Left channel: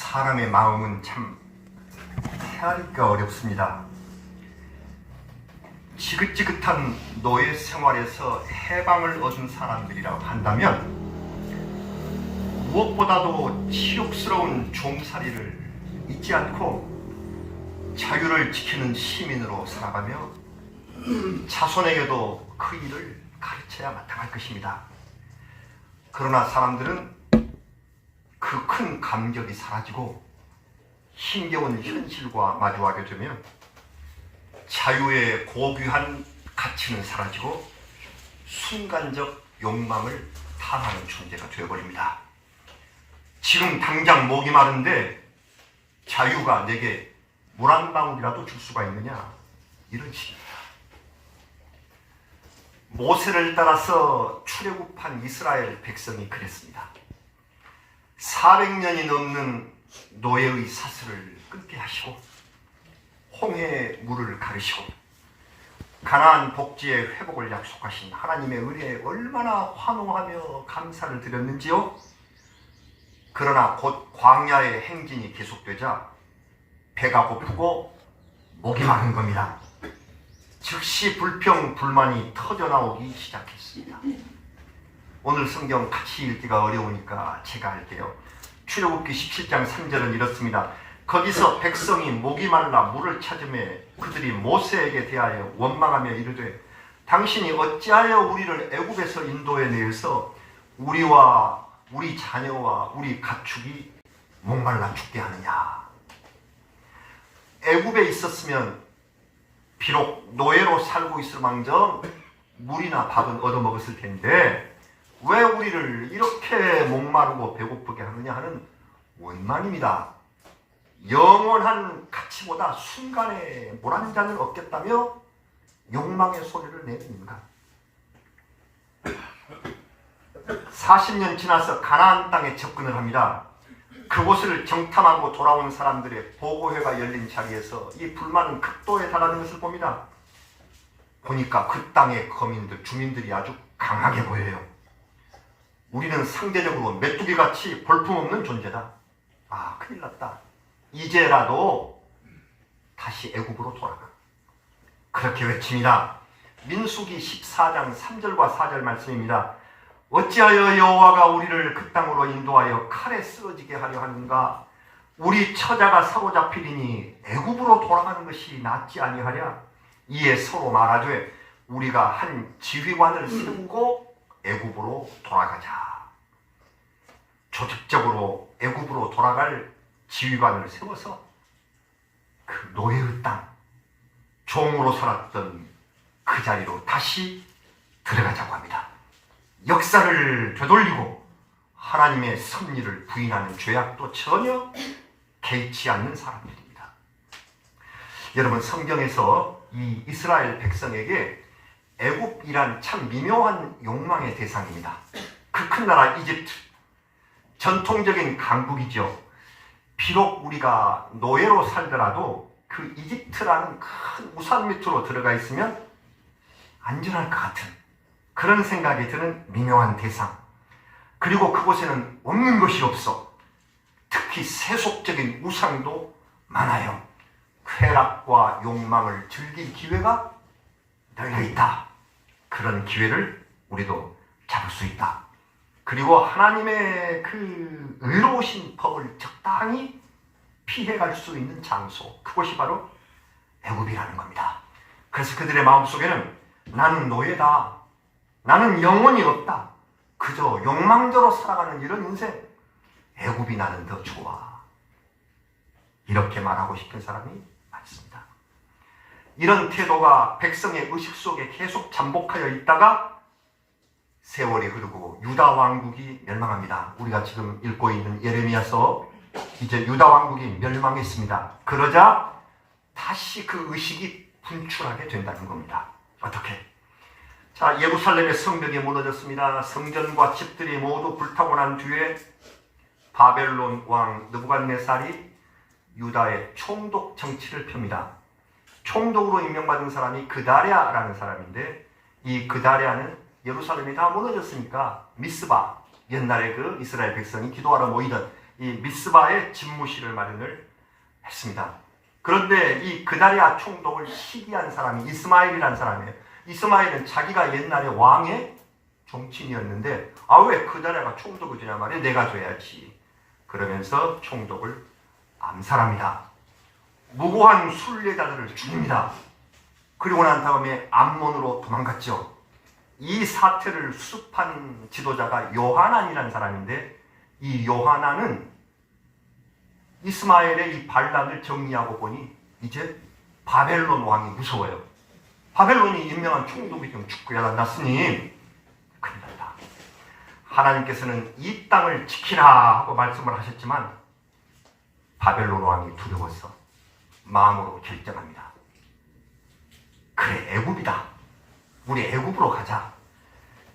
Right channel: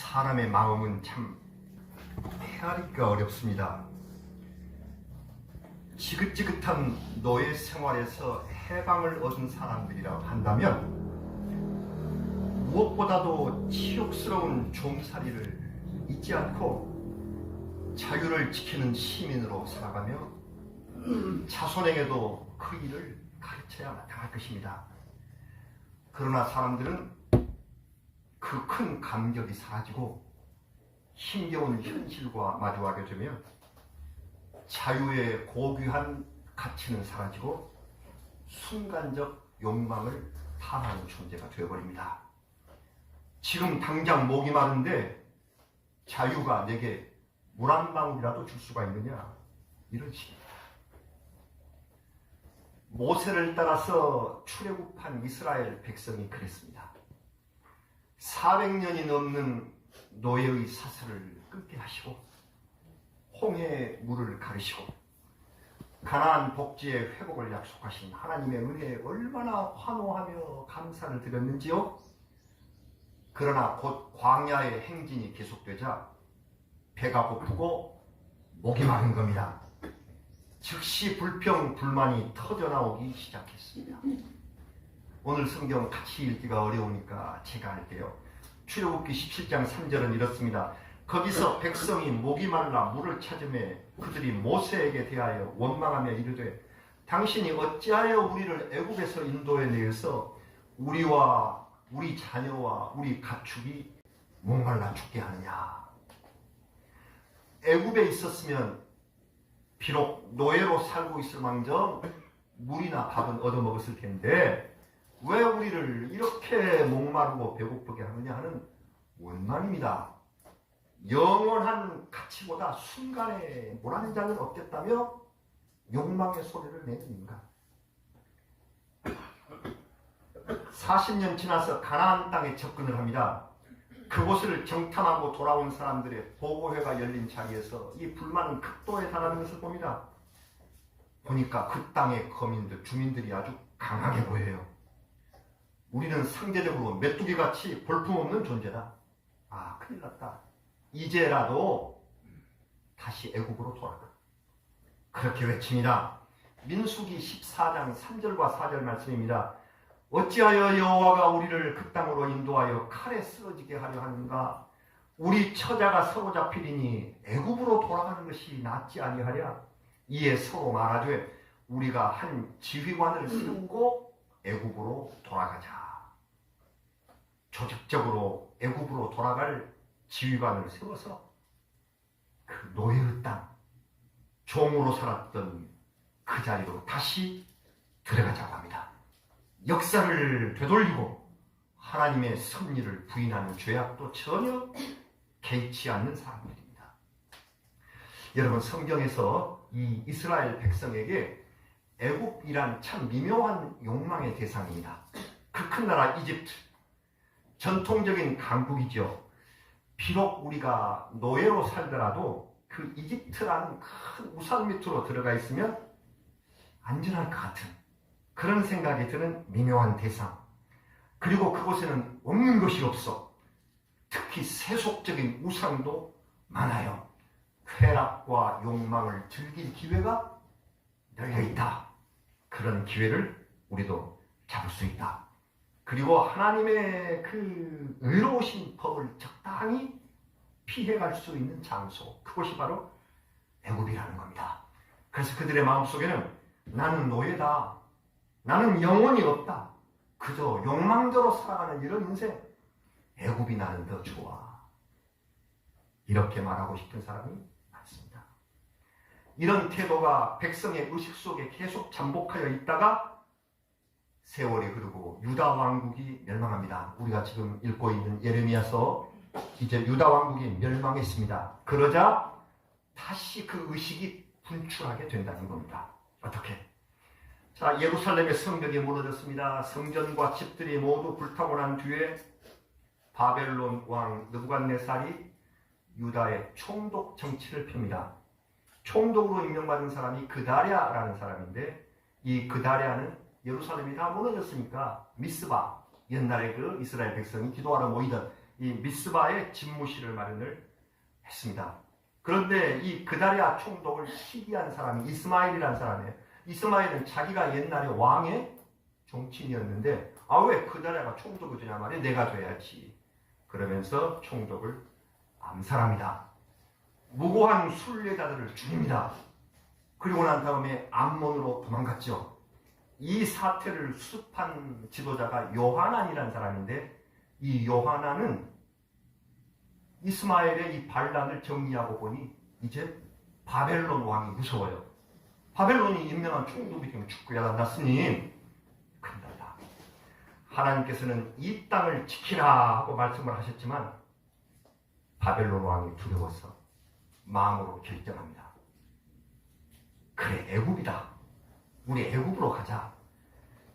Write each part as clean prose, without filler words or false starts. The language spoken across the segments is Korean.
사람의 마음은 참 헤아리기가 어렵습니다. 지긋지긋한 노예 생활에서 해방을 얻은 사람들이라고 한다면 무엇보다도 치욕스러운 종살이를 잊지 않고 자유를 지키는 시민으로 살아가며 자손에게도 그 일을 가르쳐야 마땅할 것입니다. 그러나 사람들은 그 큰 감격이 사라지고 힘겨운 현실과 마주하게 되면 자유의 고귀한 가치는 사라지고 순간적 욕망을 탐하는 존재가 되어버립니다. 지금 당장 목이 마른데 자유가 내게 물 한 방울이라도 줄 수가 있느냐, 이런 식입니다. 모세를 따라서 출애굽한 이스라엘 백성이 그랬습니다. 400년이 넘는 노예의 사슬을 끊게 하시고 홍해의 물을 가르시고 가나안 복지의 회복을 약속하신 하나님의 은혜에 얼마나 환호하며 감사를 드렸는지요. 그러나 곧 광야의 행진이 계속되자 배가 고프고 목이 마른 겁니다. 즉시 불평 불만이 터져나오기 시작했습니다. 오늘 성경 같이 읽기가 어려우니까 제가 할게요. 출애굽기 17장 3절은 이렇습니다. 거기서 백성이 목이 말라 물을 찾으매 그들이 모세에게 대하여 원망하며 이르되 당신이 어찌하여 우리를 애굽에서 인도해 내어서 우리와 우리 자녀와 우리 가축이 목말라 죽게 하느냐. 애굽에 있었으면 비록 노예로 살고 있을 망정 물이나 밥은 얻어먹었을 텐데 왜 우리를 이렇게 목마르고 배고프게 하느냐 하는 원망입니다. 영원한 가치보다 순간에 물 한 잔을 얻겠다며 욕망의 소리를 내는가. 40년 지나서 가나안 땅에 접근을 합니다. 그곳을 정탐하고 돌아온 사람들의 보고회가 열린 자리에서 이 불만은 극도에 달하는 것을 봅니다. 보니까 그 땅의 거민들, 주민들이 아주 강하게 보여요. 우리는 상대적으로 메뚜기같이 볼품없는 존재다. 아, 큰일 났다. 이제라도 다시 애굽으로 돌아가. 그렇게 외칩니다. 민수기 14장 3절과 4절 말씀입니다. 어찌하여 여호와가 우리를 그 땅으로 인도하여 칼에 쓰러지게 하려 하는가? 우리 처자가 사로잡히리니 애굽으로 돌아가는 것이 낫지 아니하랴? 이에 서로 말하되 우리가 한 지휘관을 세우고 애굽으로 돌아가자. 조직적으로 애굽으로 돌아갈 지휘관을 세워서 그 노예의 땅, 종으로 살았던 그 자리로 다시 들어가자고 합니다. 역사를 되돌리고 하나님의 섭리를 부인하는 죄악도 전혀 개의치 않는 사람들입니다. 여러분, 성경에서 이 이스라엘 백성에게 애굽이란 참 미묘한 욕망의 대상입니다. 그 큰 나라 이집트, 전통적인 강국이죠. 비록 우리가 노예로 살더라도 그 이집트라는 큰 우산 밑으로 들어가 있으면 안전할 것 같은 그런 생각이 드는 미묘한 대상. 그리고 그곳에는 없는 것이 없어. 특히 세속적인 우상도 많아요. 쾌락과 욕망을 즐길 기회가 널려있다. 그런 기회를 우리도 잡을 수 있다. 그리고 하나님의 그 의로우신 법을 적당히 피해갈 수 있는 장소, 그곳이 바로 애굽이라는 겁니다. 그래서 그들의 마음속에는 나는 노예다. 나는 영혼이 없다. 그저 욕망대로 살아가는 이런 인생, 애굽이 나는 더 좋아. 이렇게 말하고 싶은 사람이 많습니다. 이런 태도가 백성의 의식 속에 계속 잠복하여 있다가 세월이 흐르고 유다 왕국이 멸망합니다. 우리가 지금 읽고 있는 예레미야서, 이제 유다 왕국이 멸망했습니다. 그러자 다시 그 의식이 분출하게 된다는 겁니다. 어떻게? 자, 예루살렘의 성벽이 무너졌습니다. 성전과 집들이 모두 불타고 난 뒤에 바벨론 왕 느부갓네살이 유다의 총독 정치를 펴니다. 총독으로 임명받은 사람이 그다랴라는 사람인데, 이 그다랴는 예루살렘이 다 무너졌으니까 미스바, 옛날에 그 이스라엘 백성이 기도하러 모이던 이 미스바에 집무실을 마련을 했습니다. 그런데 이 그다리아 총독을 시기한 사람이 이스마엘이라는 사람이에요. 이스마엘은 자기가 옛날에 왕의 종친이었는데 왜 그다리아가 총독을 주냐 말이에요. 내가 줘야지. 그러면서 총독을 암살합니다. 무고한 순례자들을 죽입니다. 그리고 난 다음에 암몬으로 도망갔죠. 이 사태를 수습한 지도자가 요하난이라는 사람인데 이 요하난은 이스마엘의 이 반란을 정리하고 보니 이제 바벨론 왕이 무서워요. 바벨론이 임명한 총독이 좀 죽고야 났으니 큰일 났다. 하나님께서는 이 땅을 지키라 하고 말씀을 하셨지만 바벨론 왕이 두려워서 마음으로 결정합니다. 그래, 애굽이다. 우리 애굽으로 가자.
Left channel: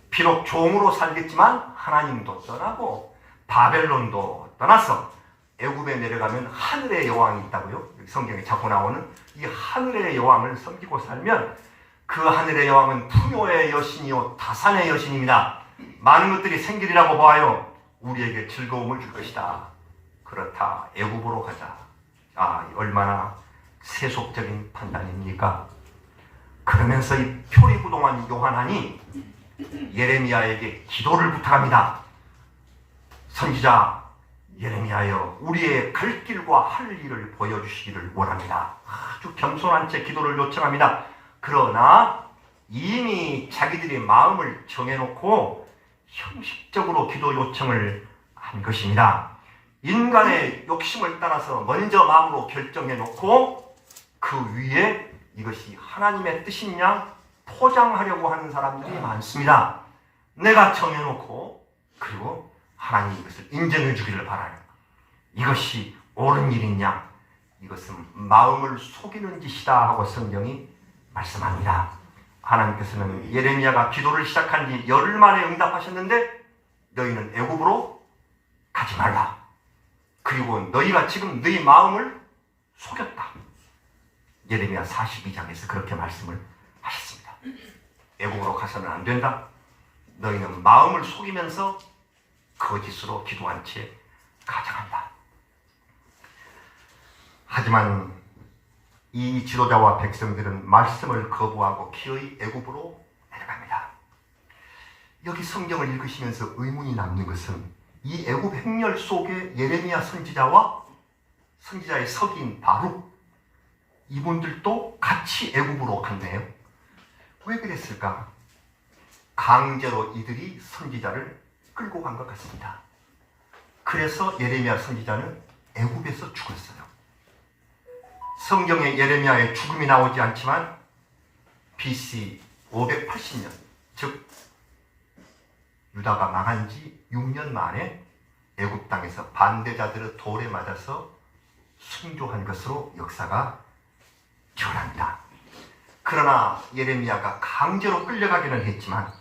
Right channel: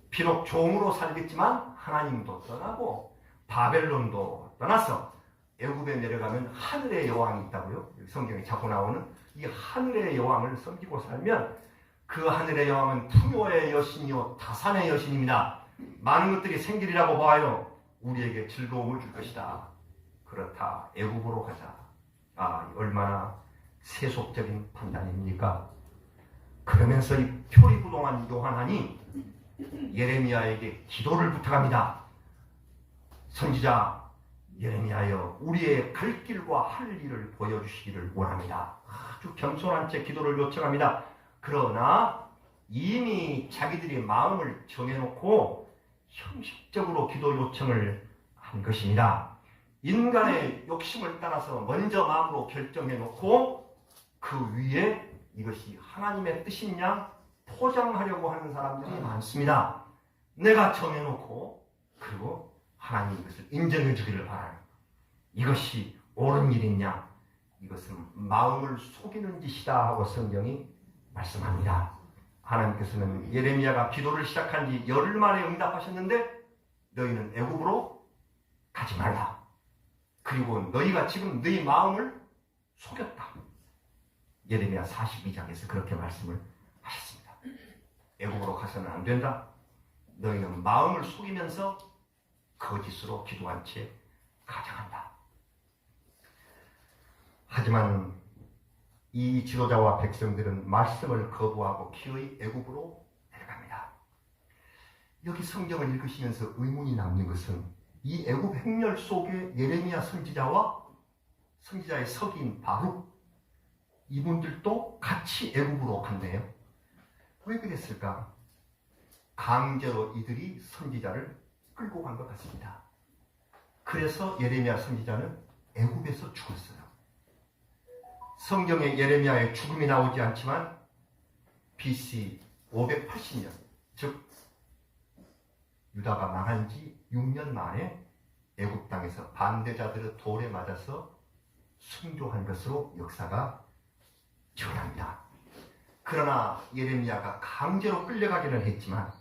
비록 종으로 살겠지만 하나님도 떠나고 바벨론도 떠나서 애굽에 내려가면 하늘의 여왕이 있다고요. 성경에 자꾸 나오는 이 하늘의 여왕을 섬기고 살면 그 하늘의 여왕은 풍요의 여신이요 다산의 여신입니다. 많은 것들이 생기리라고 봐요. 우리에게 즐거움을 줄 것이다. 그렇다. 애굽으로 가자. 얼마나 세속적인 판단입니까? 그러면서 이 표리부동한 요한한이 예레미야에게 기도를 부탁합니다. 선지자 예레미야여, 우리의 갈 길과 할 일을 보여주시기를 원합니다. 아주 겸손한 채 기도를 요청합니다. 그러나 이미 자기들이 마음을 정해놓고 형식적으로 기도 요청을 한 것입니다. 인간의 욕심을 따라서 먼저 마음으로 결정해놓고 그 위에 이것이 하나님의 뜻이냐 포장하려고 하는 사람들이 많습니다. 내가 정해놓고 그리고 하나님이 이것을 인정해 주기를 바라요. 이것이 옳은 일이냐? 이것은 마음을 속이는 짓이다 하고 성경이 말씀합니다. 하나님께서는 예레미야가 기도를 시작한 지 열흘 만에 응답하셨는데 너희는 애굽으로 가지 말라. 그리고 너희가 지금 너희 마음을 속였다. 예레미야 42장에서 그렇게 말씀을 하셨습니다. 애굽으로 가서는 안 된다. 너희는 마음을 속이면서 거짓으로 기도한 채 가장한다. 하지만 이 지도자와 백성들은 말씀을 거부하고 기어이 애굽으로 내려갑니다. 여기 성경을 읽으시면서 의문이 남는 것은 이 애굽 행렬 속에 예레미야 선지자와 선지자의 서기인 바룩 이분들도 같이 애굽으로 간대요. 왜 그랬을까? 강제로 이들이 선지자를 끌고 간 것 같습니다. 그래서 예레미야 선지자는 애굽에서 죽었어요. 성경에 예레미야의 죽음이 나오지 않지만 BC 580년, 즉 유다가 망한 지 6년 만에 애굽 땅에서 반대자들의 돌에 맞아서 순교한 것으로 역사가 기원합니다. 그러나 예레미야가 강제로 끌려가기는 했지만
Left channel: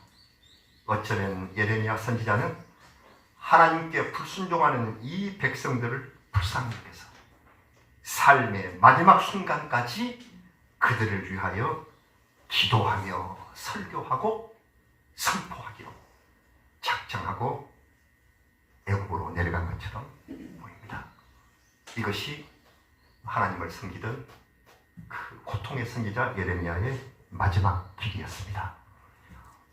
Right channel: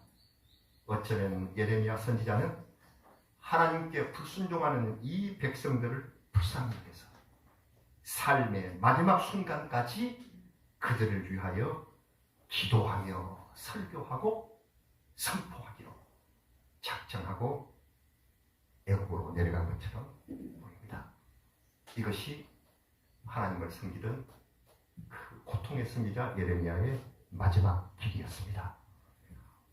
어쩌면 예레미야 선지자는 하나님께 불순종하는 이 백성들을 불쌍히 여겨서 삶의 마지막 순간까지 그들을 위하여 기도하며 설교하고 선포하기로 작정하고 애굽으로 내려간 것처럼 보입니다. 이것이 하나님을 섬기던 그 고통의 선지자 예레미야의 마지막 길이었습니다.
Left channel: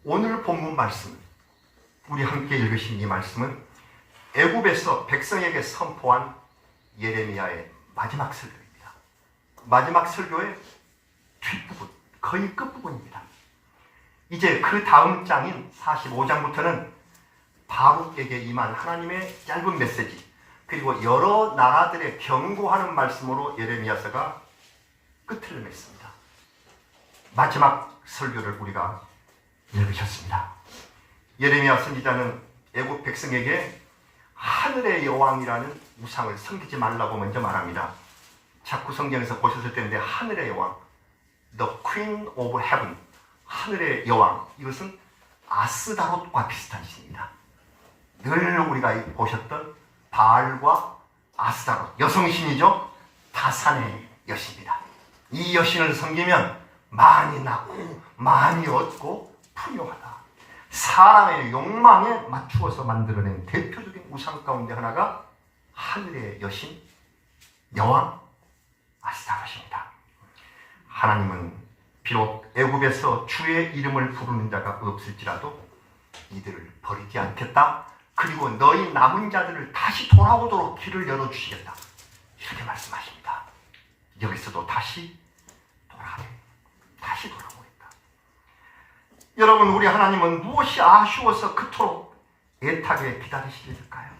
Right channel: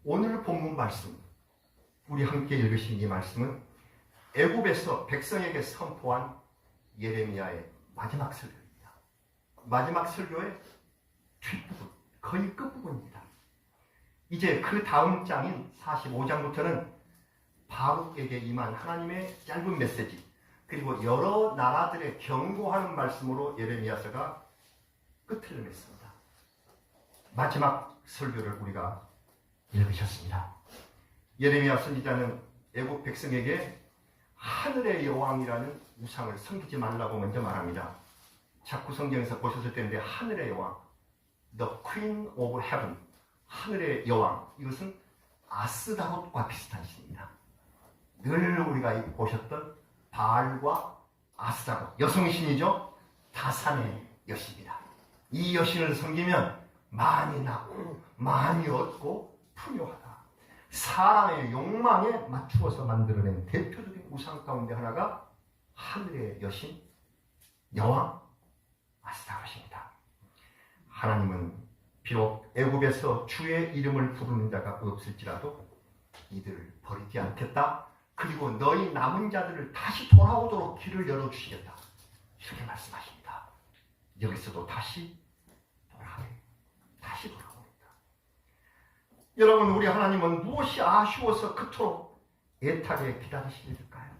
오늘 본문 말씀, 우리 함께 읽으신 이 말씀은 애굽에서 백성에게 선포한 예레미야의 마지막 설교입니다. 마지막 설교의 뒷부분, 거의 끝부분입니다. 이제 그 다음 장인 45장부터는 바룩에게 임한 하나님의 짧은 메시지, 그리고 여러 나라들의 경고하는 말씀으로 예레미야서가 끝을 맺습니다. 마지막 설교를 우리가 읽으셨습니다. 예레미야 선지자는 애굽 백성에게 하늘의 여왕이라는 우상을 섬기지 말라고 먼저 말합니다. 자꾸 성경에서 보셨을 텐데 하늘의 여왕, The Queen of Heaven, 하늘의 여왕, 이것은 아스다롯과 비슷한 신입니다. 늘 우리가 보셨던 바알과 아스다롯, 여성신이죠. 다산의 여신입니다. 이 여신을 섬기면 많이 낳고 많이 얻고 풍요하다. 사람의 욕망에 맞추어서 만들어낸 대표적인 우상 가운데 하나가 하늘의 여신 여왕 아스타롯입니다. 하나님은 비록 애굽에서 주의 이름을 부르는 자가 없을지라도 이들을 버리지 않겠다. 그리고 너희 남은 자들을 다시 돌아오도록 길을 열어주시겠다. 이렇게 말씀하십니다. 여기서도 다시 돌아오겠다. 여러분, 우리 하나님은 무엇이 아쉬워서 그토록 애타게 기다리실까요?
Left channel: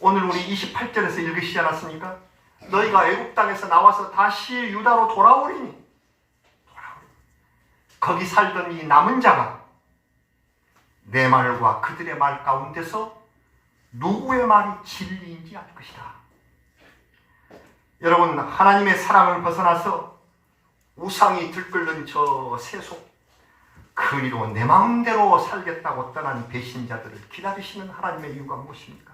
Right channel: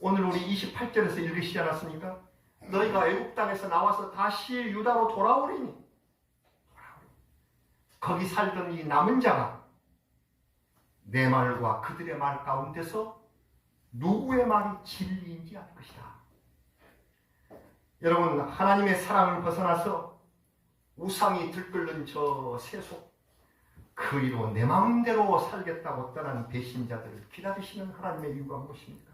오늘 우리 28절에서 읽으시지 않았습니까? 너희가 애굽 땅에서 나와서 다시 유다로 돌아오리니 거기 살던 이 남은 자가 내 말과 그들의 말 가운데서 누구의 말이 진리인지 알 것이다. 여러분, 하나님의 사랑을 벗어나서 우상이 들끓는 저 세속, 그리로 내 마음대로 살겠다고 떠난 배신자들을 기다리시는 하나님의 이유가 무엇입니까?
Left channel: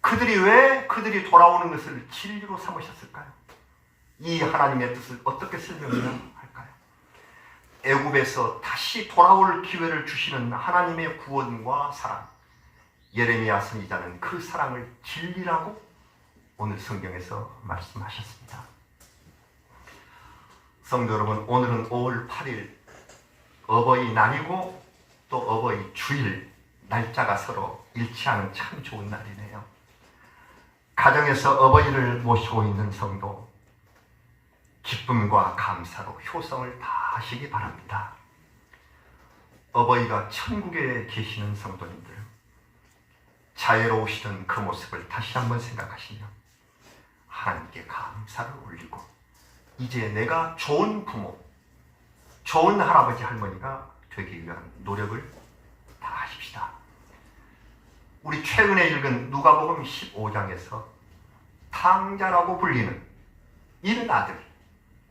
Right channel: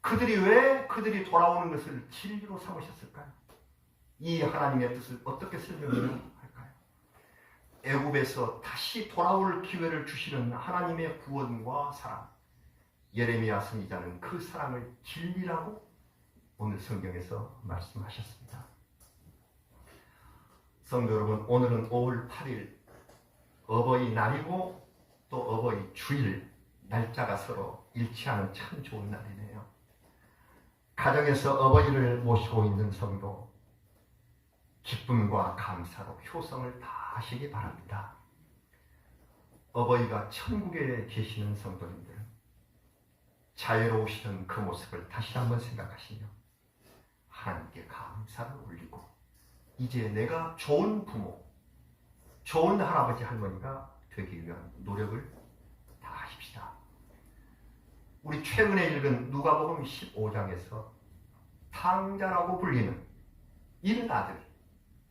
그들이 돌아오는 것을 진리로 삼으셨을까요? 이 하나님의 뜻을 어떻게 설명해야 할까요? 애굽에서 다시 돌아올 기회를 주시는 하나님의 구원과 사랑, 예레미야 선지자는 그 사랑을 진리라고 오늘 성경에서 말씀하셨습니다. 성도 여러분, 오늘은 5월 8일 어버이날이고 또 어버이 주일, 날짜가 서로 일치하는 참 좋은 날이네요. 가정에서 어버이를 모시고 있는 성도, 기쁨과 감사로 효성을 다하시기 바랍니다. 어버이가 천국에 계시는 성도님들, 자애로우시던 그 모습을 다시 한번 생각하시며 하나님께 감사를 올리고 이제 내가 좋은 부모, 좋은 할아버지 할머니가 되기 위한 노력을 다하십시다. 우리 최근에 읽은 누가복음 15장에서 탕자라고 불리는 잃은 아들,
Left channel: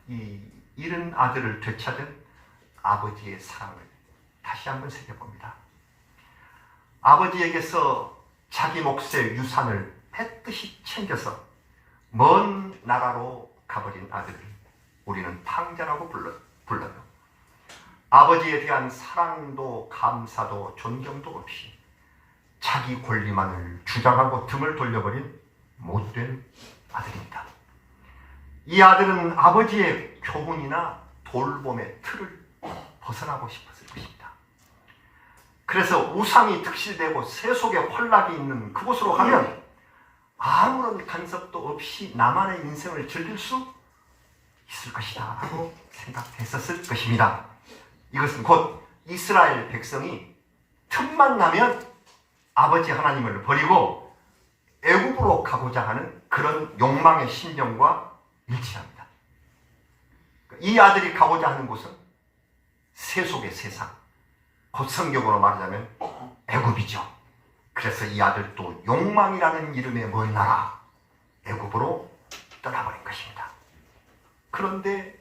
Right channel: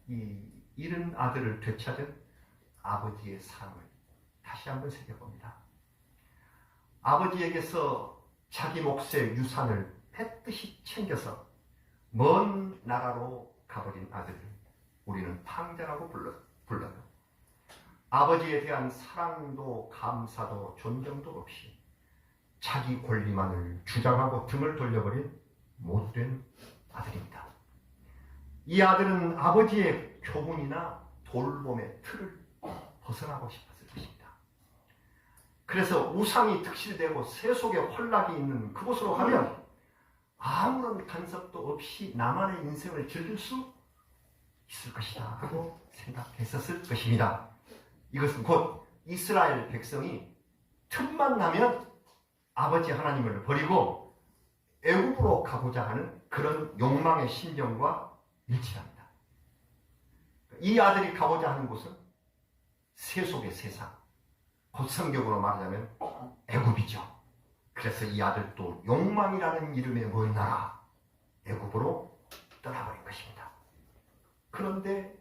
이 잃은 아들을 되찾은 아버지의 사랑을 다시 한번 새겨봅니다. 아버지에게서 자기 몫의 유산을 뺏듯이 챙겨서 먼 나라로 가버린 아들을 우리는 탕자라고 불러요. 아버지에 대한 사랑도 감사도 존경도 없이 자기 권리만을 주장하고 등을 돌려버린 못된 아들입니다. 이 아들은 아버지의 교훈이나 돌봄의 틀을 벗어나고 싶었을 것입니다. 그래서 우상이 득실되고 세속의 혼락이 있는 그곳으로 가면 아무런 간섭도 없이 나만의 인생을 즐길 수 있을 것이다 하고 생각했었을 것입니다. 이것은 곧 이스라엘 백성이 틈만 나면 아버지 하나님을 버리고 애굽으로 가고자 하는 그런 욕망의 심정과 일치합니다. 이 아들이 가고자 하는 곳은 세속의 세상, 곧 성경으로 말하자면 애굽이죠. 그래서 이 아들도 욕망이라는 이름의 먼 나라 애굽으로 떠나버린 것입니다. 그런데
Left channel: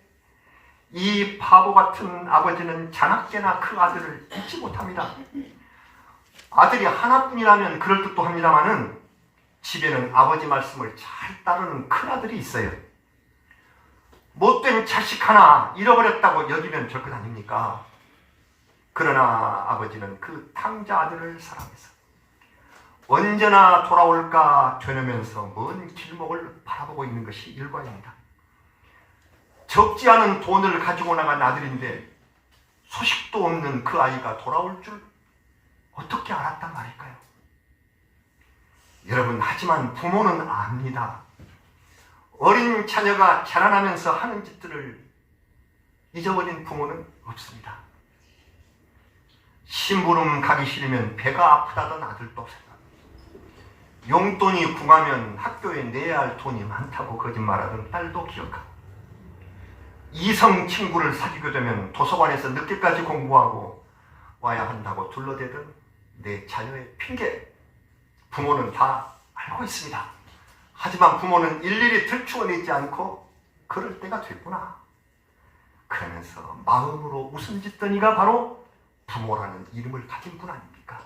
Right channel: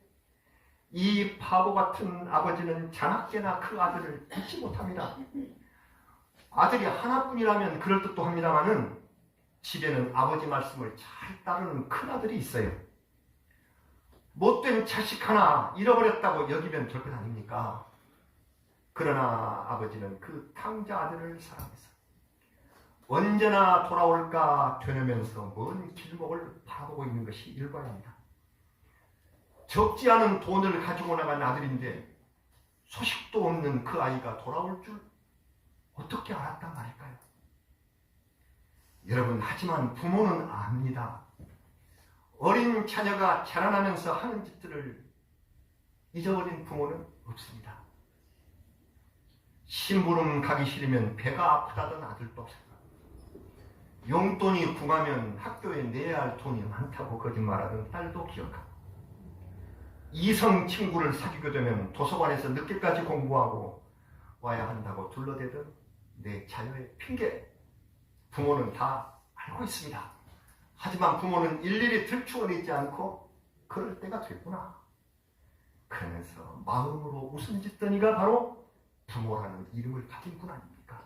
이 바보 같은 아버지는 자나깨나 그 아들을 잊지 못합니다. 아들이 하나뿐이라면 그럴 듯도 합니다마는 집에는 아버지 말씀을 잘 따르는 큰아들이 있어요. 못된 자식 하나 잃어버렸다고 여기면 될 것 아닙니까? 그러나 아버지는 그 탕자 아들을 사랑해서 언제나 돌아올까 되뇌면서 먼 길목을 바라보고 있는 것이 일과입니다. 적지 않은 돈을 가지고 나간 아들인데 소식도 없는 그 아이가 돌아올 줄 어떻게 알았단 말일까요? 여러분, 하지만 부모는 압니다. 어린 자녀가 자라나면서 하는 짓들을 잊어버린 부모는 없습니다. 심부름 가기 싫으면 배가 아프다던 아들도 생각합니다. 용돈이 궁하면 학교에 내야 할 돈이 많다고 거짓말하던 딸도 기억하고, 이성 친구를 사귀게 되면 도서관에서 늦게까지 공부하고 와야 한다고 둘러대던 내 자녀의 핑계, 부모는 다 알고 있습니다. 하지만 부모는 일일이 들추어내지 않고 그럴 때가 됐구나 그러면서 마음으로 웃음 짓던 이가 바로 부모라는 이름을 가진 분 아닙니까?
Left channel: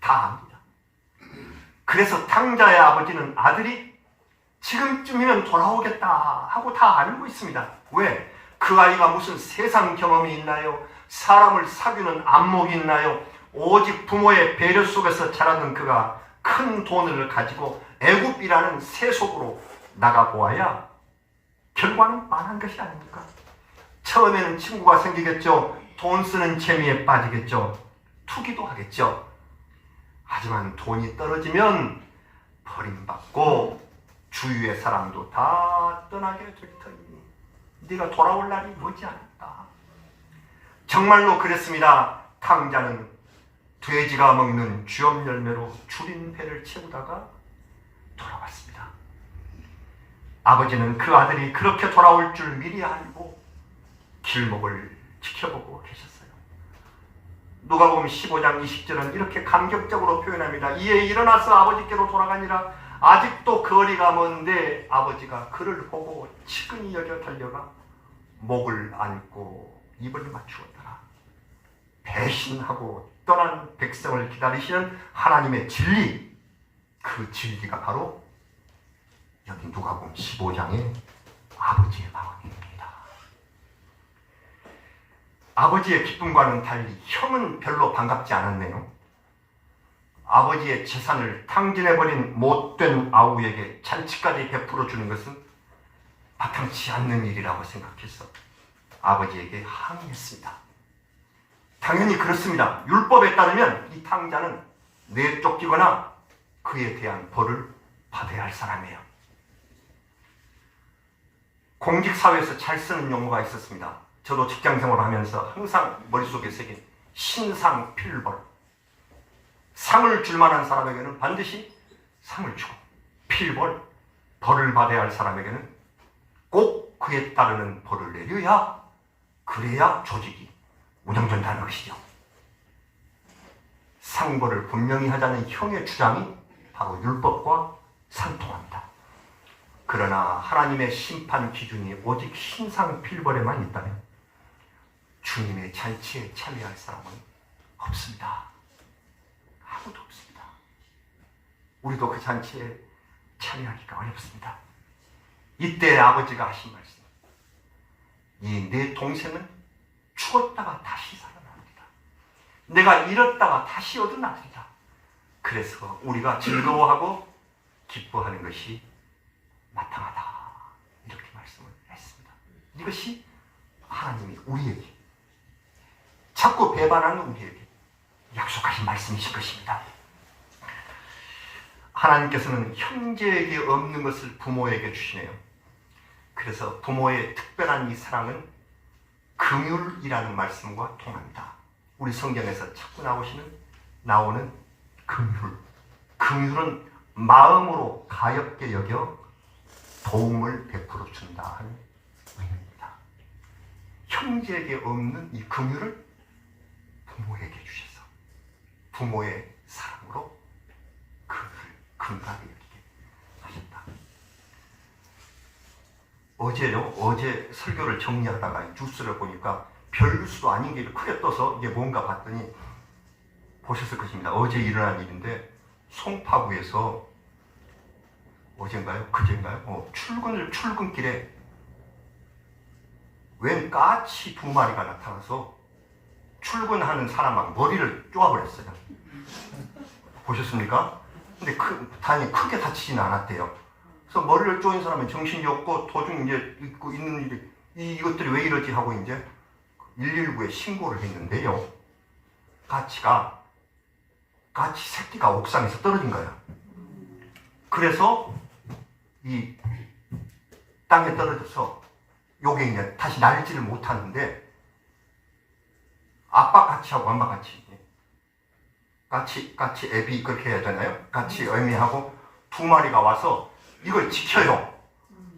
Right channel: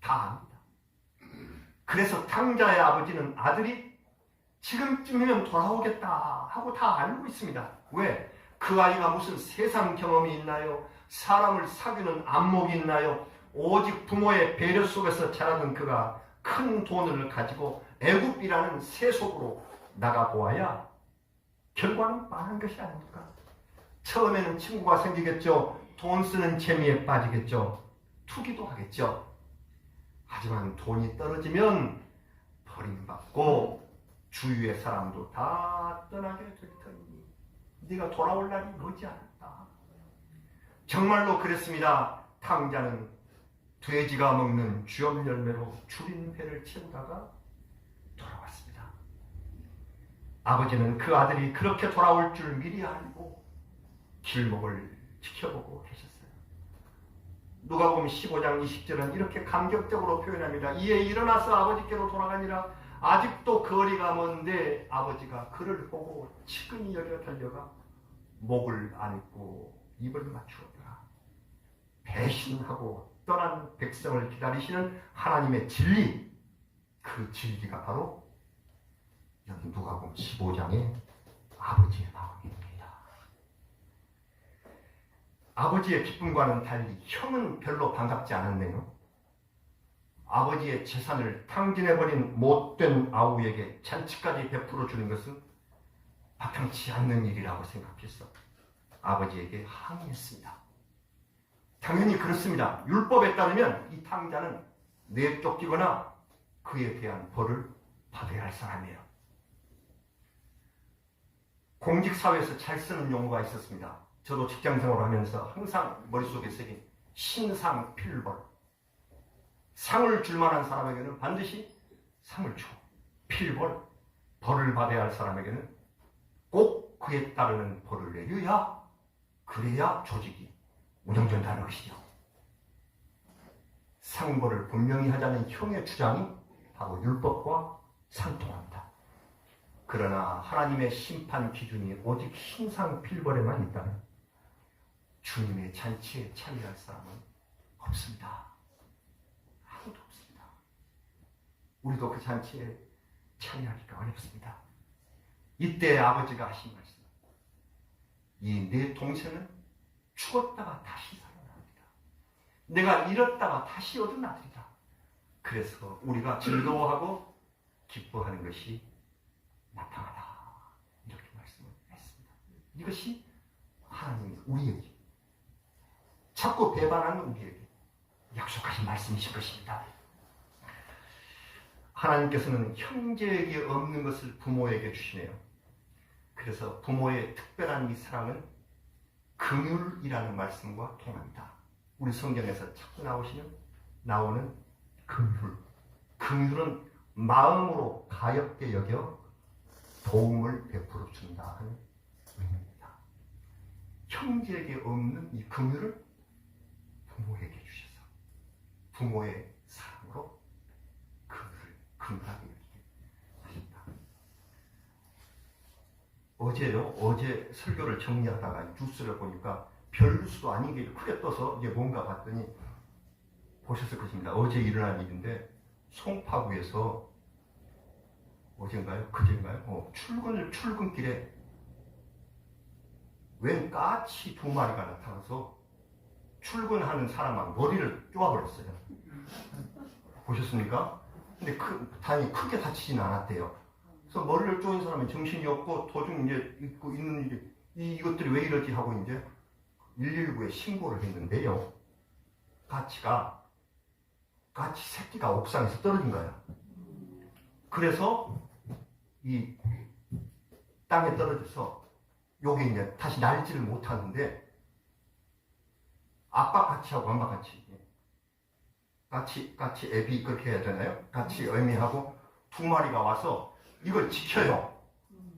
다 압니다. 그래서 탕자의 아버지는 아들이 지금쯤이면 돌아오겠다 하고 다 알고 있습니다. 왜? 그 아이가 무슨 세상 경험이 있나요? 사람을 사귀는 안목이 있나요? 오직 부모의 배려 속에서 자라는 그가 큰 돈을 가지고 애굽이라는 세속으로 나가보아야 결과는 뻔한 것이 아닙니까? 처음에는 친구가 생기겠죠. 돈 쓰는 재미에 빠지겠죠. 투기도 하겠죠. 하지만 돈이 떨어지면 버림받고 주위의 사람도 다 떠나게 될 터이니 네가 돌아올 날이 머지않았다. 정말로 그랬습니다. 탕자는 돼지가 먹는 쥐업 열매로 줄인 배를 채우다가 돌아왔습니다. 아버지는 그 아들이 그렇게 돌아올 줄 미리 알고 길목을 지켜보고 계셨어요. 누가복음 15장 20절은 이렇게 감격적으로 표현합니다. 이에 일어나서 아버지께로 돌아가니라. 아직도 거리가 먼데 아버지가 그를 보고 측은히 여겨 달려가 목을 안고 입을 맞추었더라. 배신하고 떠난 백성을 기다리시는 하나님의 진리, 그 진리가 바로 여기 누가복음 15장의 아버지의 마음입니다. 아버지의 기쁨과는 달리 형은 별로 반갑지 않았네요. 아버지의 재산을 탕진해버린 못된 아우에게 잔치까지 베풀어 주는 것은 마땅치 않는 일이라고 생각해서 아버지에게 항의했습니다. 당연히 그렇습니다. 율법에 따르면 이 탕자는 내쫓기거나 그에 대한 벌을 받아야 할 사람이에요. 공직사회에서 잘 쓰는 용어가 있었습니다. 저도 직장생활을 하면서 항상 머릿속에 새긴 신상필벌. 상을 줄 만한 사람에게는 반드시 상을 주고, 필벌, 벌을 받아야 할 사람에게는 꼭 그에 따르는 벌을 내려야, 그래야 조직이 운영된다는 것이죠. 상벌을 분명히 하자는 형의 주장이 바로 율법과 상통합니다. 그러나 하나님의 심판 기준이 오직 신상필벌에만 있다면 주님의 잔치에 참여할 사람은 없습니다. 아무도 없습니다. 우리도 그 잔치에 참여하기가 어렵습니다. 이때 아버지가 하신 말씀, 이 내 동생은 죽었다가 다시 살아납니다. 내가 잃었다가 다시 얻은 아들이다. 그래서 우리가 즐거워하고 기뻐하는 것이 마땅하다. 이렇게 말씀을 했습니다. 이것이 하나님이 우리에게, 자꾸 배반하는 우리에게 약속하신 말씀이신 것입니다. 하나님께서는 형제에게 없는 것을 부모에게 주시네요. 그래서 부모의 특별한 이 사랑은 긍휼이라는 말씀과 통합니다. 우리 성경에서 자꾸 나오는 긍휼. 긍휼은 마음으로 가엽게 여겨 도움을 베풀어 준다 하는 의미입니다. 형제에게 없는 이 긍휼을 부모에게 주셔서 부모의 사랑으로 긍휼을 근간하게 여기게 하셨다. 어제 설교를 정리하다가 뉴스를 보니까 별 뉴스도 아닌 게 크게 떠서 이게 뭔가 봤더니 보셨을 것입니다. 어제 일어난 일인데 송파구에서 어젠가요? 그젠가요? 출근길에 웬 까치 2마리가 나타나서 출근하는 사람하고 머리를 쪼아버렸어요. 보셨습니까? 근데 다행히 크게 다치지는 않았대요. 그래서 머리를 쪼인 사람은 정신이 없고 도중 이제 있고 있는 일이 이것들이 왜 이러지 하고 이제 119에 신고를 했는데요. 까치 새끼가 옥상에서 떨어진 거예요. 그래서 이 땅에 떨어져서 요게 이제 다시 날지를 못하는데 아빠 까치하고 엄마 까치 애비 그렇게 해야 되나요? 같이 애미하고 2마리가 와서 이걸 지켜요.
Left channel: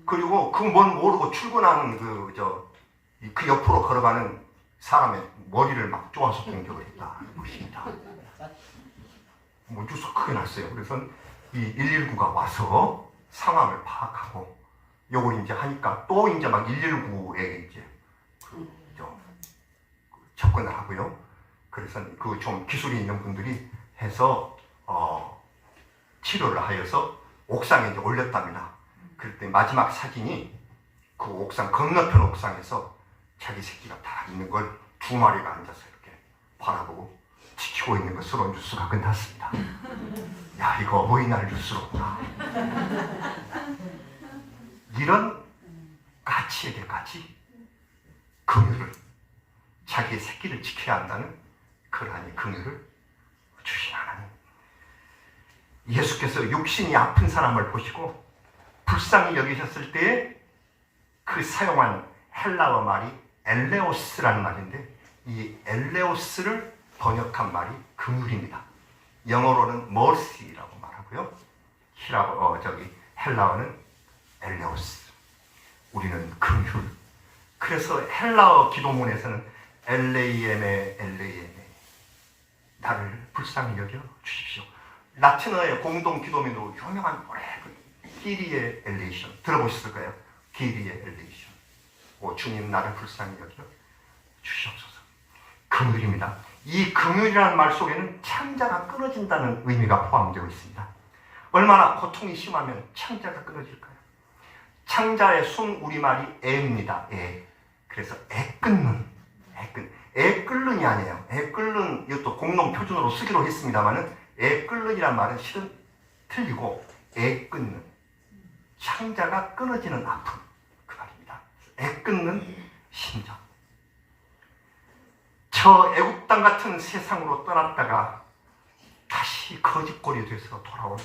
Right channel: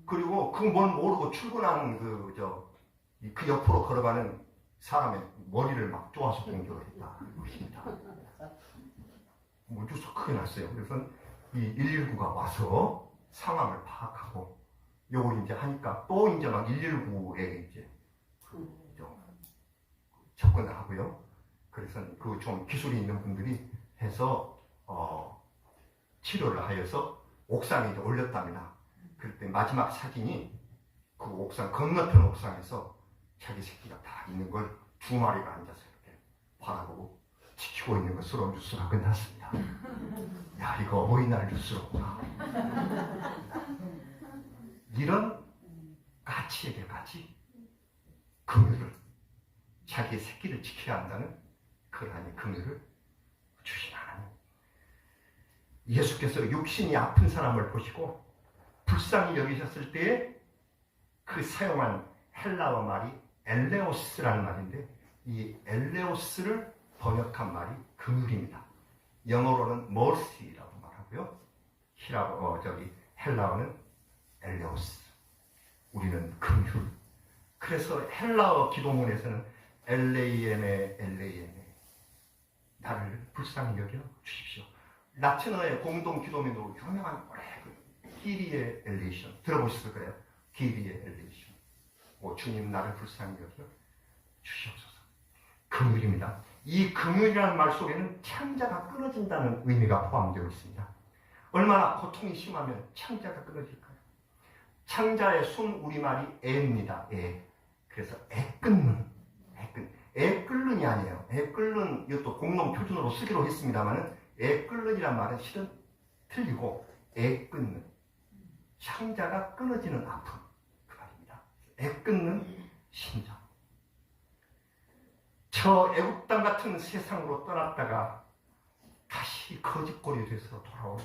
그리고 그 뭔 모르고 출근하는 그 옆으로 걸어가는 사람의 머리를 막 쪼아서 공격을 했다. 보십니다. 뭐 뉴스 크게 났어요. 그래서 이 119가 와서 상황을 파악하고 요걸 이제 하니까 또 이제 막 119에 이제 접근을 하고요. 그래서 그 좀 기술이 있는 분들이 해서 치료를 하여서 옥상에 이제 올렸답니다. 그럴 때 마지막 사진이 그 옥상 건너편 옥상에서 자기 새끼가 다 있는 걸 2마리가 앉아서 이렇게 바라보고 지키고 있는 것으로 뉴스가 끝났습니다. 야, 이거 어버이날 뉴스로구나. 이런 가치에게까지 긍휼을, 자기의 새끼를 지켜야 한다는 그러한 긍휼을 주신 하나님. 예수께서 육신이 아픈 사람을 보시고 불쌍히 여기셨을 때에 그 사용한 헬라어 말이 엘레오스라는 말인데, 이 엘레오스를 번역한 말이 긍휼입니다. 영어로는 mercy라고 말하고요. 헬라어는 엘레오스. 우리는 긍휼. 그래서 헬라어 기도문에서는 엘레이엠에 나를 불쌍히 여겨 주십시오. 라틴어의 공동 기도문으로 유명한 기리의 엘레이션 들어보셨을 거예요. 기리의 엘레이션. 주님 나를 불쌍히 여겨 주시옵소서. 긍휼입니다. 이 긍휼이라는 말 속에는 창자가 끊어진다는 의미가 포함되어 있습니다. 얼마나 고통이 심하면 창자가 끊어질까요? 창자의 순 우리말이 애입니다. 애. 그래서 애 끊는. 애 끓는이 아니에요. 애 끓는, 이것도 공동 표준으로 쓰기로 했습니다만은 애 끓는이란 말은 실은 틀리고 애 끊는. 창자가 끊어지는 아픔. 그 말입니다. 애 끊는 심정. 저 애국 땅 같은 세상으로 떠났다가 다시 거짓골이 돼서 돌아온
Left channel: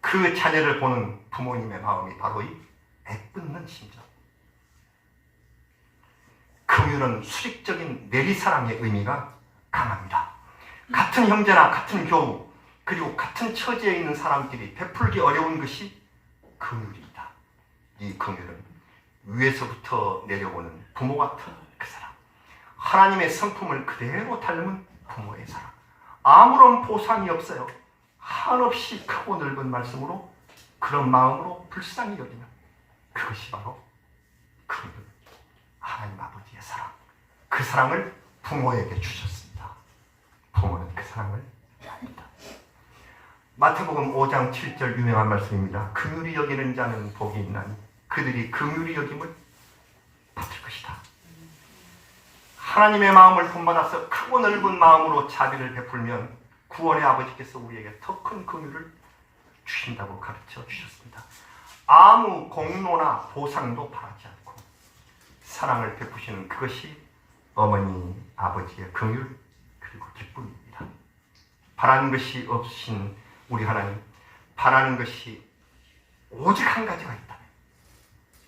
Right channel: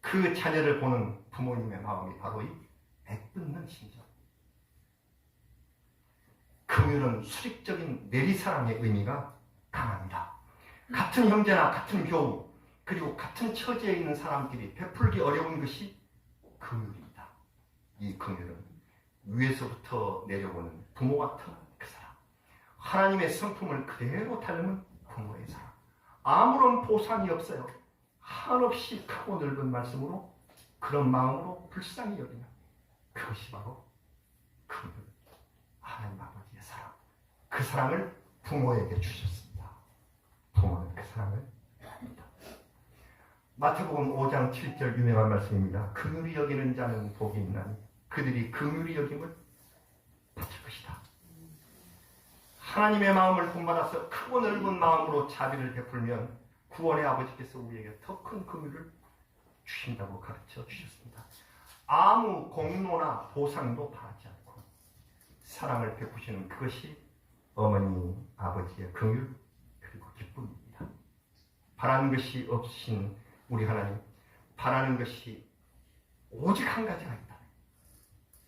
그 자녀를 보는 부모님의 마음이 바로 이 애끓는 심정. 긍휼은 수직적인 내리사랑의 의미가 강합니다. 같은 형제나 같은 교우 그리고 같은 처지에 있는 사람끼리 베풀기 어려운 것이 긍휼입니다. 이 긍휼은 위에서부터 내려오는 부모 같은 그 사람, 하나님의 성품을 그대로 닮은 부모의 사랑, 아무런 보상이 없어요. 한없이 크고 넓은 말씀으로 그런 마음으로 불쌍히 여기는 그것이 바로 긍휼, 하나님 아버지의 사랑. 그 사랑을 부모에게 주셨습니다. 부모는 그 사랑을 합니다. 마태복음 5장 7절 유명한 말씀입니다. 긍휼히 여기는 자는 복이 있나니 그들이 긍휼히 여김을 받을 것이다. 하나님의 마음을 본받아서 크고 넓은 마음으로 자비를 베풀면 구원의 아버지께서 우리에게 더 큰 긍휼을 주신다고 가르쳐 주셨습니다. 아무 공로나 보상도 바라지 않고 사랑을 베푸시는 그것이 어머니 아버지의 긍휼 그리고 기쁨입니다. 바라는 것이 없으신 우리 하나님, 바라는 것이 오직 한 가지가 있다면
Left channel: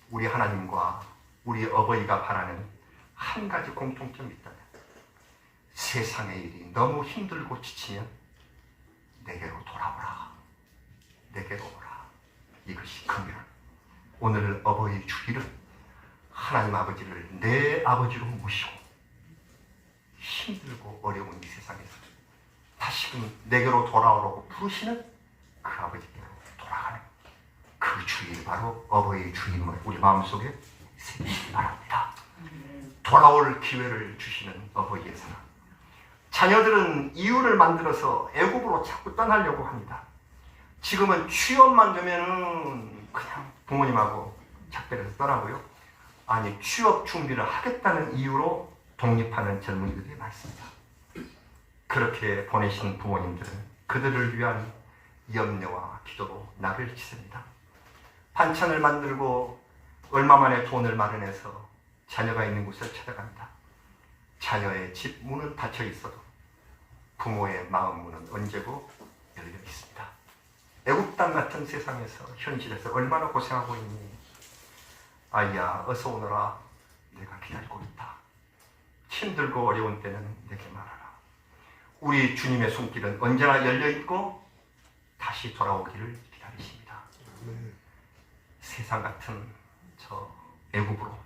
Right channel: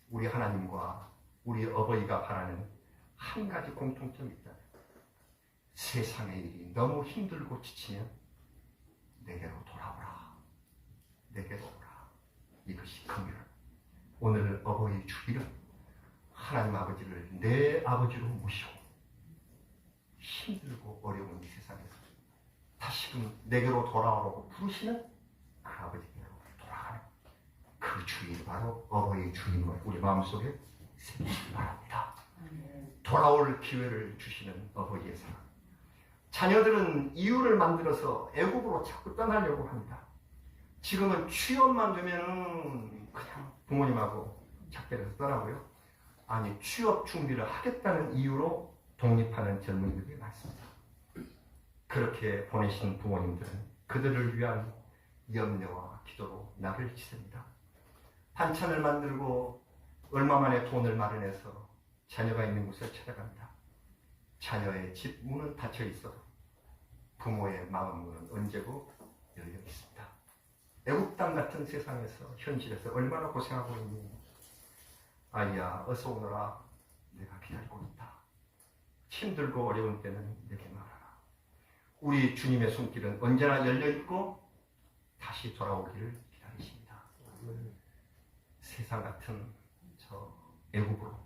우리 하나님과 우리 어버이가 바라는 한 가지 공통점이 있다면 세상의 일이 너무 힘들고 지치면 내게로 돌아오라. 내게로 오라. 이것이 긍휼. 오늘 어버이 주일은 하나님 아버지를 내 아버지로 모시고 힘들고 어려운 이 세상에서 다시금 내게로 돌아오라고 부르시는 그 아버지께로 돌아가는 그 주일, 바로 어버이 주임을 우리 마음속에 새기시기 바랍니다. 돌아올 기회를 주시는 어버이의 사랑. 자녀들은 이유를 만들어서 애국으로 자꾸 떠나려고 합니다. 지금은 취업만 되면은 그냥 부모님하고 작별해서 떠나고요. 아니, 취업 준비를 하겠다는 이유로 독립하는 젊은이들이 많습니다. 그렇게 보내신 부모님들은 그들을 위한 염려와 기도로 나를 지셉니다. 반찬을 만들고 얼마 만에 돈을 마련해서 자녀가 있는 곳을 찾아갑니다. 자녀의 집 문은 닫혀 있어도 부모의 마음 문은 언제고 열려 있습니다. 애국 땅 같은 세상에서, 현실에서 얼마나 고생하고 있니? 아이야, 어서 오너라. 내가 기다리고 있다. 힘들고 어려운 때는 내게 말하라. 우리 주님의 손길은 언제나 열려 있고 다시 돌아오기를 기다리십니다. 세상 같은 저 애국으로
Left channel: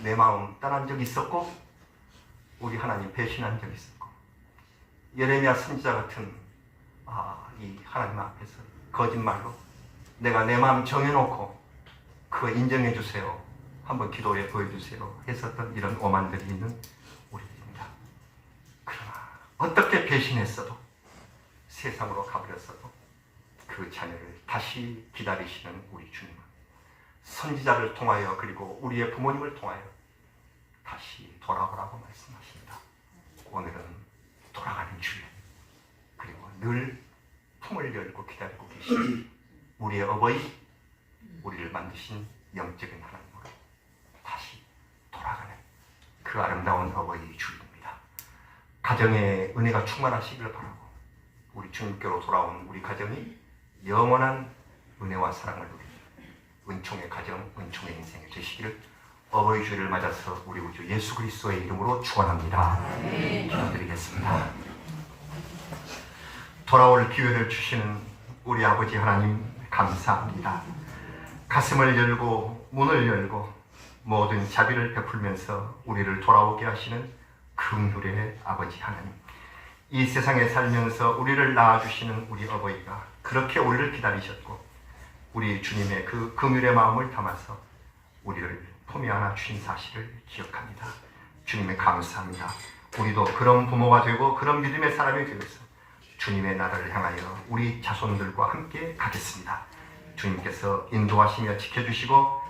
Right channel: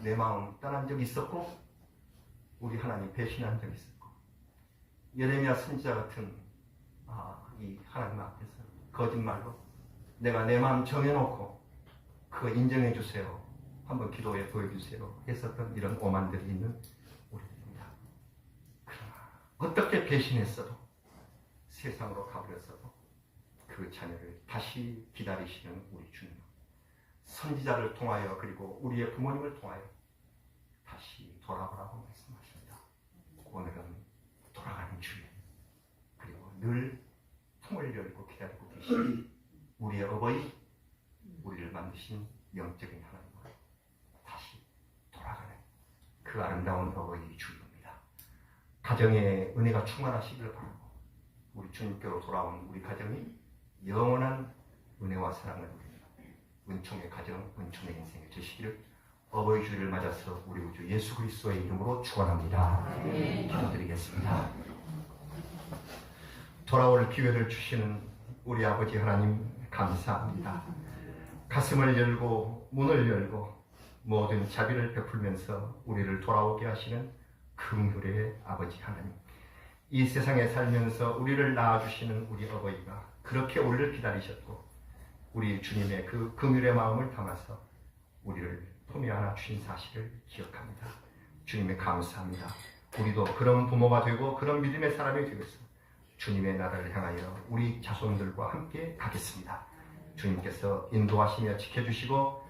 내 마음 떠난 적이 있었고, 우리 하나님 배신한 적이 있었고, 예레미야 선지자 같은 이 하나님 앞에서 거짓말로 내가 내 마음 정해놓고 그거 인정해 주세요, 한번 기도해 보여주세요 했었던 이런 오만들이 있는 우리들입니다. 그러나 어떻게 배신했어도, 세상으로 가버렸어도 그 자녀를 다시 기다리시는 우리 주님은 선지자를 통하여 그리고 우리의 부모님을 통하여 다시 돌아오라고 말씀하십니다. 오늘은 돌아가는 주일, 그리고 늘 품을 열고 기다리고 계신 우리의 어버이, 우리를 만드신 영적인 하나님으로 다시 돌아가는 그 아름다운 어버이 주일입니다. 가정에 은혜가 충만하시길 바라고, 우리 주님께로 돌아온 우리 가정이 영원한 은혜와 사랑을 누리는 은총의 가정, 은총의 인생을 되시기를 어버이 주일을 맞아서 우리 우주 예수 그리스도의 이름으로 축원합니다. 기도드리겠습니다. 돌아올 기회를 주시는 우리 아버지 하나님 감사합니다. 가슴을 열고 문을 열고 모든 자비를 베풀면서 우리를 돌아오게 하시는 긍휼의 아버지 하나님, 이 세상에 살면서 우리를 낳아주시는 우리 어버이가 그렇게 우리를 기다리셨고 우리 주님의 그 긍휼의 마음을 담아서 우리를 품에 안아 주신 사실을 기억합니다. 주님의 감사합니다. 우리도 그런 부모가 되고 그런 믿음의 사람이 되어서 주님의 나라를 향하여 우리 자손들과 함께 가겠습니다. 주님께서 인도하시며 지켜주시고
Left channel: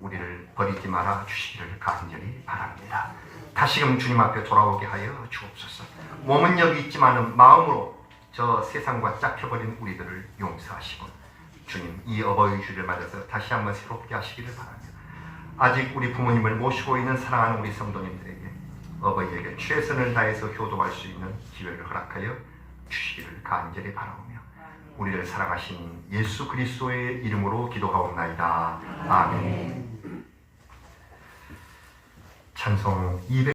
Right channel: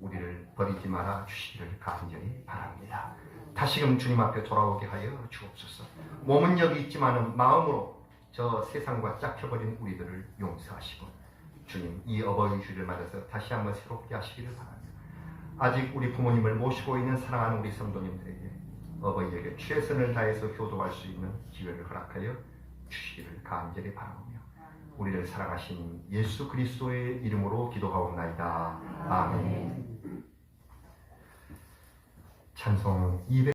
우리를 버리지 말아 주시기를 간절히 바랍니다. 다시금 주님 앞에 돌아오게 하여 주옵소서. 몸은 여기 있지만 마음으로 저 세상과 짝혀버린 우리들을 용서하시고 주님, 이 어버이 주일을 맞아서 다시 한번 새롭게 하시기를 바랍니다. 아직 우리 부모님을 모시고 있는 사랑하는 우리 성도님들에게 어버이에게 최선을 다해서 효도할 수 있는 기회를 허락하여 주시기를 간절히 바라오며 우리를 사랑하신 예수 그리스도의 이름으로 기도하옵나이다. 아멘. 찬송 200